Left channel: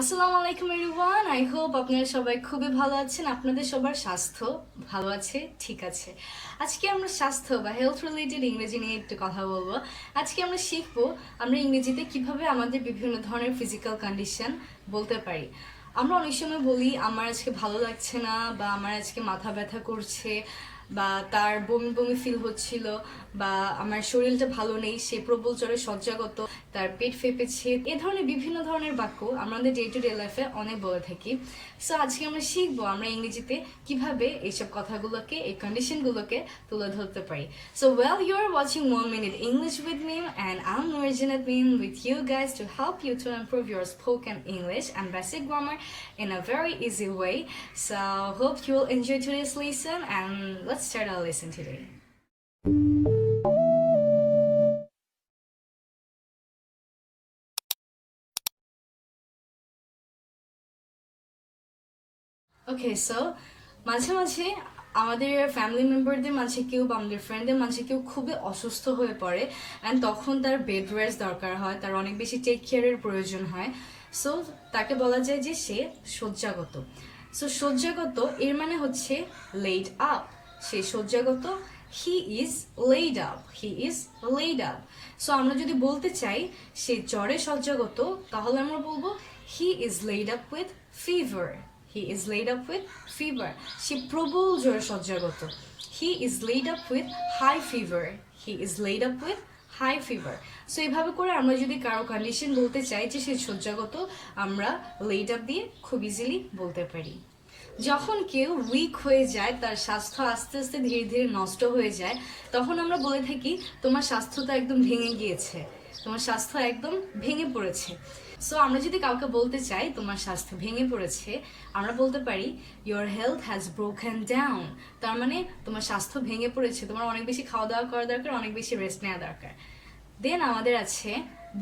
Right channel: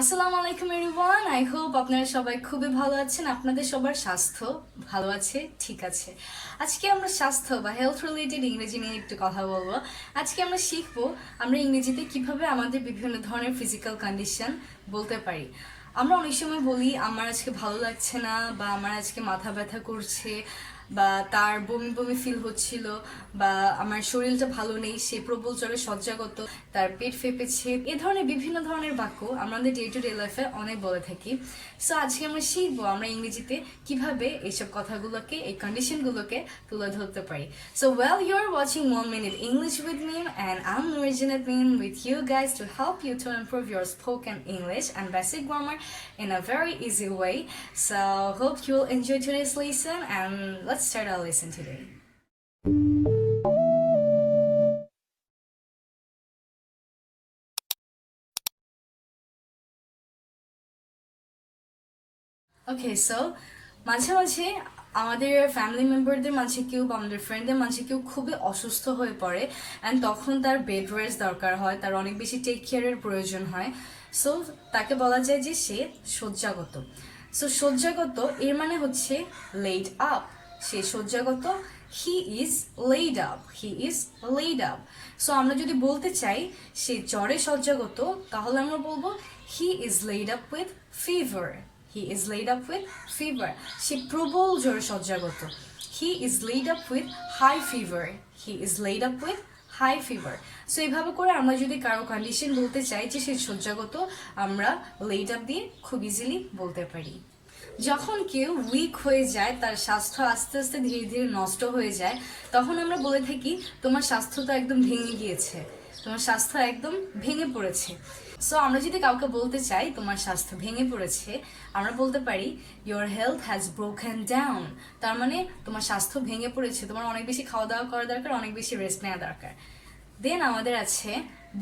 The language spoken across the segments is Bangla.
আসসালামু আলাইকুম এভরিওয়ান, আই হোপ আপনারা সবাই খুবই ভালো আছেন। আপনাদের সবার স্বাস্থ্য ভালো আছে? ঠিক আছে। আজকে আমরা স্বাস্থ্য বা হেলথ রিলেটেড ইংরেজি নিয়ে একটু কথা বলবো। আজকে আমরা শিখবো আমরা ইংরেজিতে কিভাবে আমাদের বিভিন্ন ধরনের ফিজিক্যাল কন্ডিশন বলতে পারি। আমরা অনেক সময় বলি আমার আজকে ভালো লাগছে না, বা আমার আজকে মাথা ব্যথা করছে, বা তার বমি বমি ফিল হচ্ছিল, বা আমার শরীরটা ভালো নেই, সে প্রবল জ্বরে শয্যাগত, তার পেট ফেপেছে। এ ধরনের বিভিন্ন ধরনের বাক্য আমাদের ডে টু ডে লাইফে অনেক বলে থাকি। সো আজকে আমরা শিখবো আমরা ইংরেজিতে কিভাবে এইসব কথাগুলোকে, এই কন্ডিশনগুলোকে তুলে ধরতে পারি। So well, you are watching 1 Minute English with Meem, and I'm Nurjinat Meem with you guys to help you to improve your spoken English and basic grammar in a very easy way. So hope you will enjoy today's lesson, and let's start our lesson today. Okay, so মাঝে মাঝে আমাদের ফ্যামিলি মেম্বারদের মাঝে কেউ বা আমাদের ফ্রেন্ডদের মাঝে কেউ খুবই অসুস্থ হয়ে পড়ে, অ্যান্ড তখন তার বেড রেস্ট দরকার হয়, তার অনেক বেশি টেক কেয়ারের প্রয়োজন হয়। সো তাকে বলা যায় যে সে শয্যাগত। সো শয্যাগত এর মানে হচ্ছে লেইড আপ। সে শয্যাগত, he is laid up, he is laid up. So আমরা যদি বলতে চাই সে জ্বরে শয্যাগত, তাহলে আমরা বলবো হি is laid up with fever. He is laid up with fever. সে প্রবল জ্বরে শয্যাগত। He is laid up with high fever. He is laid up with high fever. So এইভাবে করে আমরা যদি কারো কন্ডিশন বলতে চাই যে সে শয্যাগত, আমরা laid up দিয়ে খুব ইজিলি বলতে পারি। যখন কেউ উইক হয়ে যায়, তার স্বাস্থ্য আস্তে আস্তে ধীরে ধীরে নষ্ট হয়ে যায়, তখন আমরা বলে থাকি তোমার স্বাস্থ্য তো একদম ভেঙে গিয়েছে, তোমার স্বাস্থ্য একদম ভেঙে পড়েছে। সো আমরা যদি কাউকে বলতে চাই তোমার স্বাস্থ্য ভেঙে পড়েছে, আমরা বলতে পারি your health has broken down. তার মানে তোমার স্বাস্থ্য ভেঙে পড়েছে, তোমার অনেক বেশি খাওয়া দাওয়া করা দরকার, অনেক বেশি রেস্ট নেওয়া দরকার। দেন আমাদের আছে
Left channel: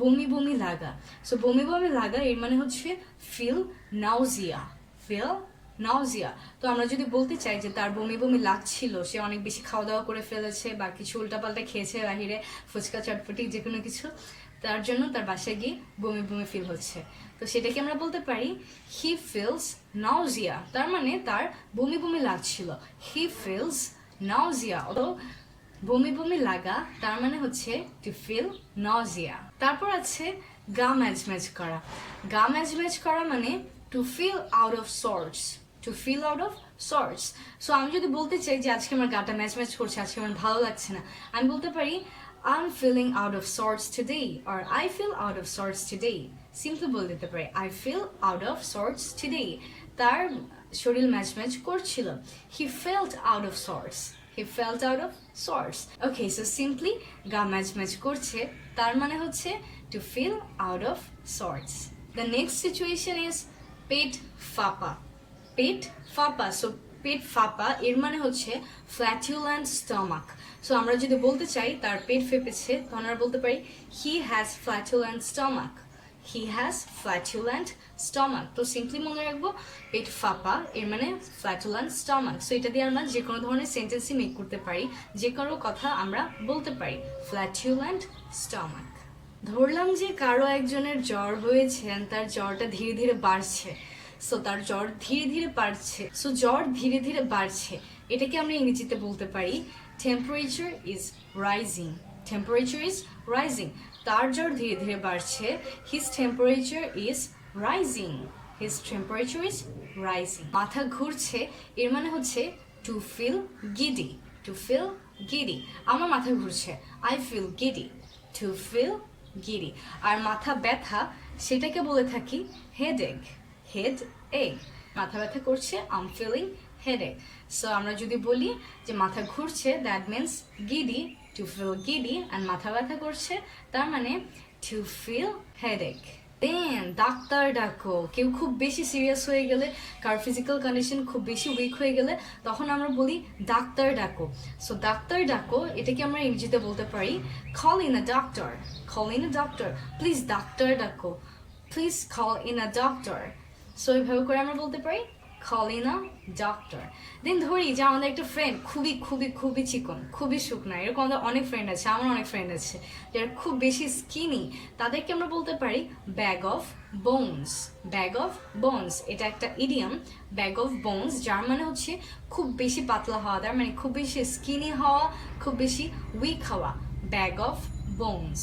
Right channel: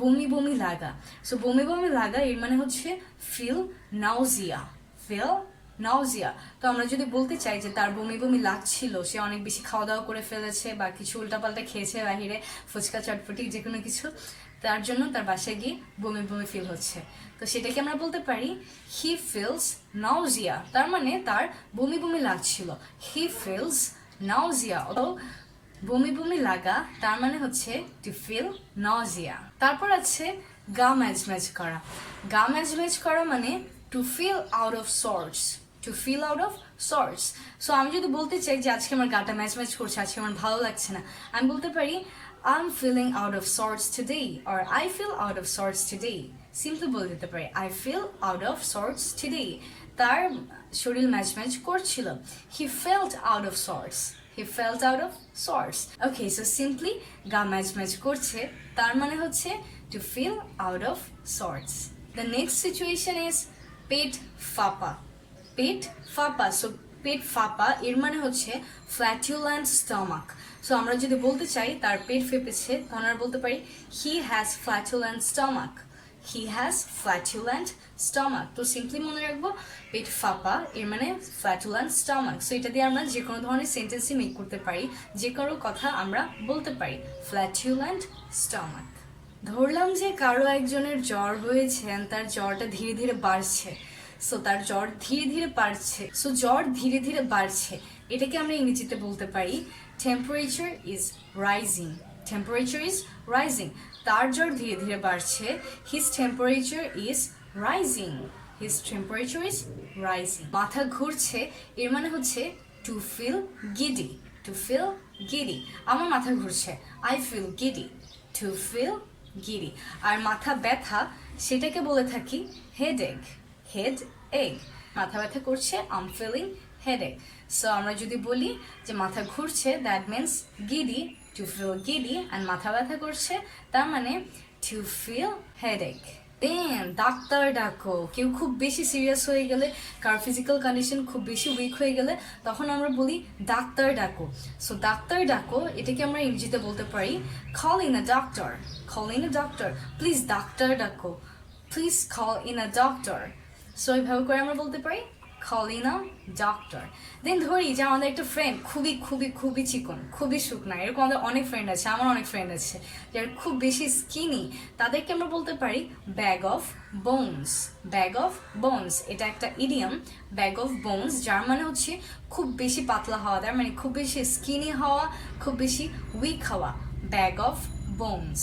বমি বমি লাগা। সো বমি বমি লাগা এর মানে হচ্ছে ফিল নাউজিয়া, ফিল নাউজিয়া। তো আমরা যদি বলতে চাই যে তার বমি বমি লাগছিল, সে অনেক বেশি খাওয়া দাওয়া করে ফেলেছে বা কিছু উল্টাপাল্টা খেয়েছে বাহিরে, ফুচকা চটপটি যে কোনো কিছু, তার জন্য তার বাসায় গিয়ে বমি বমি ফিল হচ্ছে, তো সেটাকে আমরা বলতে পারি হি ফিলস নাউজিয়া। তার মানে তার বমি বমি লাগছিল, হি ফিলস নাউজিয়া। বমি বমি লাগা তার মানে হচ্ছে টু ফিল নাউজিয়া। তারপর আছে গা ম্যাচ ম্যাচ করা। গা ম্যাচ ম্যাচ করা মানে to feel out of sorts, to feel out of sorts. So আমি যদি বলতে চাই যে আজকে আমার গাটা ম্যাচ ম্যাচ করছে, আজকে আমার ভালো লাগছে না, আমি বলতে পারি I'm feeling out of sorts today, or I feel out of sorts today. Simply বলে দিতে পারি I feel out of sorts today. তার শরীর ম্যাচ ম্যাচ করছিল, he felt out of sorts, he felt out of sorts. Okay, so simply গা ম্যাচ ম্যাচ করছে তার মানে হচ্ছে to feel out of sorts. The next situation is পেট ফাঁপা। পেট ফাঁপা, সো পেট ফাঁপা এর মানে হচ্ছে ফ্ল্যাটুল্যান্ট স্টমাক। সো আমরা যদি বলতে চাই তার পেট ফেপেছে, তখন আমরা বলতে পারি he has flatulent stomach, he has flatulent stomach. তো সিম্পলি মনে রাখবো পেট ফাঁপা এর মানে ফ্ল্যাটুল্যান্ট স্টমাক। সো এটা দিয়ে আমরা যে কোনো ধরনের সেন্টেন্সই মেক করতে পারি, যে কোনো কথা আমরা বলতে পারি ফ্ল্যাটুল্যান্ট স্টমাক। ধরলাম যে কারো একজনের জ্বর হয়েছে, তার জ্বরটা ধীরে ধীরে বাড়ছে। সো তার জ্বর ধীরে ধীরে বাড়ছে, সো জ্বর ধীরে ধীরে বাড়ছে, এটাকে আমরা ইংরেজিতে বলতে পারি temperature is rising, temperature is rising. তার জ্বর ধীরে ধীরে বাড়ছে, his temperature is rising, his temperature is rising. মাথা ঘুরছে এর মানে হচ্ছে to feel giddy, to feel giddy. আমার মাথা ঘুরছে, I feel giddy, to feel giddy. আর মাথা ব্যথা সেটাকে বলে থাকি হেডেক, হেড এগ। মাথা ব্যথা করছে, আম ফিলিং হেডেক। সো আমরা যদি বলি যে মাথা ঘুরছে, that means giddy, to feel giddy, and মাথা ব্যথা করছে তার মানে টু ফিল হেডেক। দেন ডাক্তার ডাকো। কেউ খুব বেশি সিরিয়াস হয়ে গেলে, কার ফিজিক্যাল কন্ডিশন খুব বেশি উইক হয়ে গেলে, তখন আমরা বলি ডাক্তার ডাকো। সো ডাক্তার ডাকো এটাকে আমরা ইংরেজিতে বলতে পারি call in a doctor, call in a doctor. Please ডাক্তার ডাকো, please call in a doctor. So এইভাবে করে আমরা বলতে পারি calling a doctor. দেন ধরি যে আমাদের একটা ফ্রেন্ড খুবই খুবই খুবই চিকন, খুবই শুকনা, এরকম আমাদের অনেক ফ্রেন্ড আছে, আমার অনেক ফ্রেন্ড আছে যারা খুব বেশি স্কিনি, তাদেরকে আমরা বলতে পারি bag of bones. Bag of bones এটা একটা ইডিয়াম, ব্যাগ অফ বোনস, যার মানে হচ্ছে খুব বেশি পাতলা হওয়া, তার মানে খুব বেশি স্কিনি হওয়া, খুব বেশি উইক হওয়া, ব্যাগ অফ বোনস।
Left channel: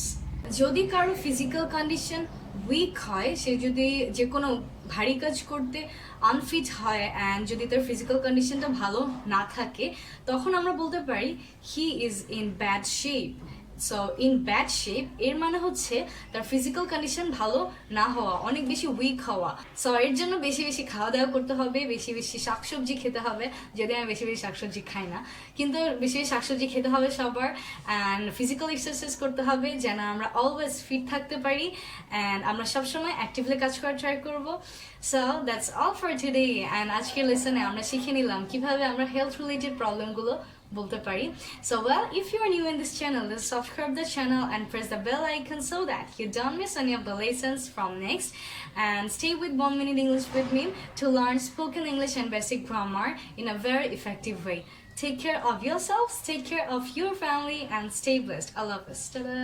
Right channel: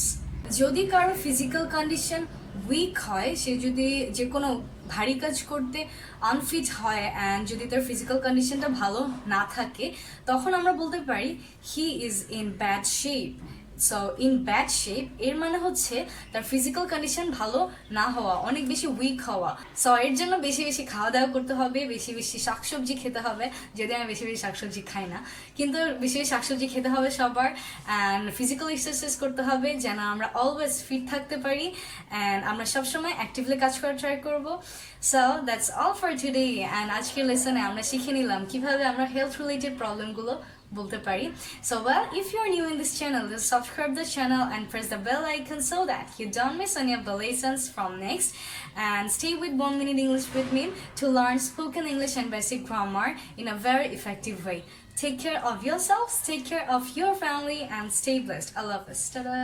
যদি কারো ফিজিক্যাল কন্ডিশন উইক হয়, সে যদি যে কোনো ভারী কাজ করতে আনফিট হয় অ্যান্ড যদি তার ফিজিক্যাল কন্ডিশনটা ভালো না থাকে, তখন আমরা বলতে পারি he is in bad shape. So in bad shape এর মানে হচ্ছে তার ফিজিক্যাল কন্ডিশন ভালো না হওয়া, অনেক বেশি উইক হওয়া। সো এর জন্য বেশি বেশি খাওয়া দাওয়া করতে হবে, বেশি বেশি শাকসবজি খেতে হবে, যদি আমি বেশি বেশি শাকসবজি খাই না, কিন্তু বেশি বেশি শাকসবজি খেতে হবে সবার, অ্যান্ড ফিজিক্যাল এক্সারসাইজ করতে হবে যেন আমরা অলওয়েজ ফিট থাকতে পারি অ্যান্ড আমরা সবসময় অ্যাক্টিভলি কাজ করার ট্রাই করবো। So that's all for today, and আজকের লেসনে আমরা শিখে নিলাম কিভাবে আমরা হেলথ রিলেটেড প্রবলেমগুলো বলতে পারি। So well, if you are new in this channel, just subscribe the channel and press the bell icon so that you don't miss any of the lessons from next, and stay with 1 Minute English with me to learn spoken English and basic grammar in a very effective way. Take care of yourselves, take care of your family, and stay blessed. I love us. Ta-da!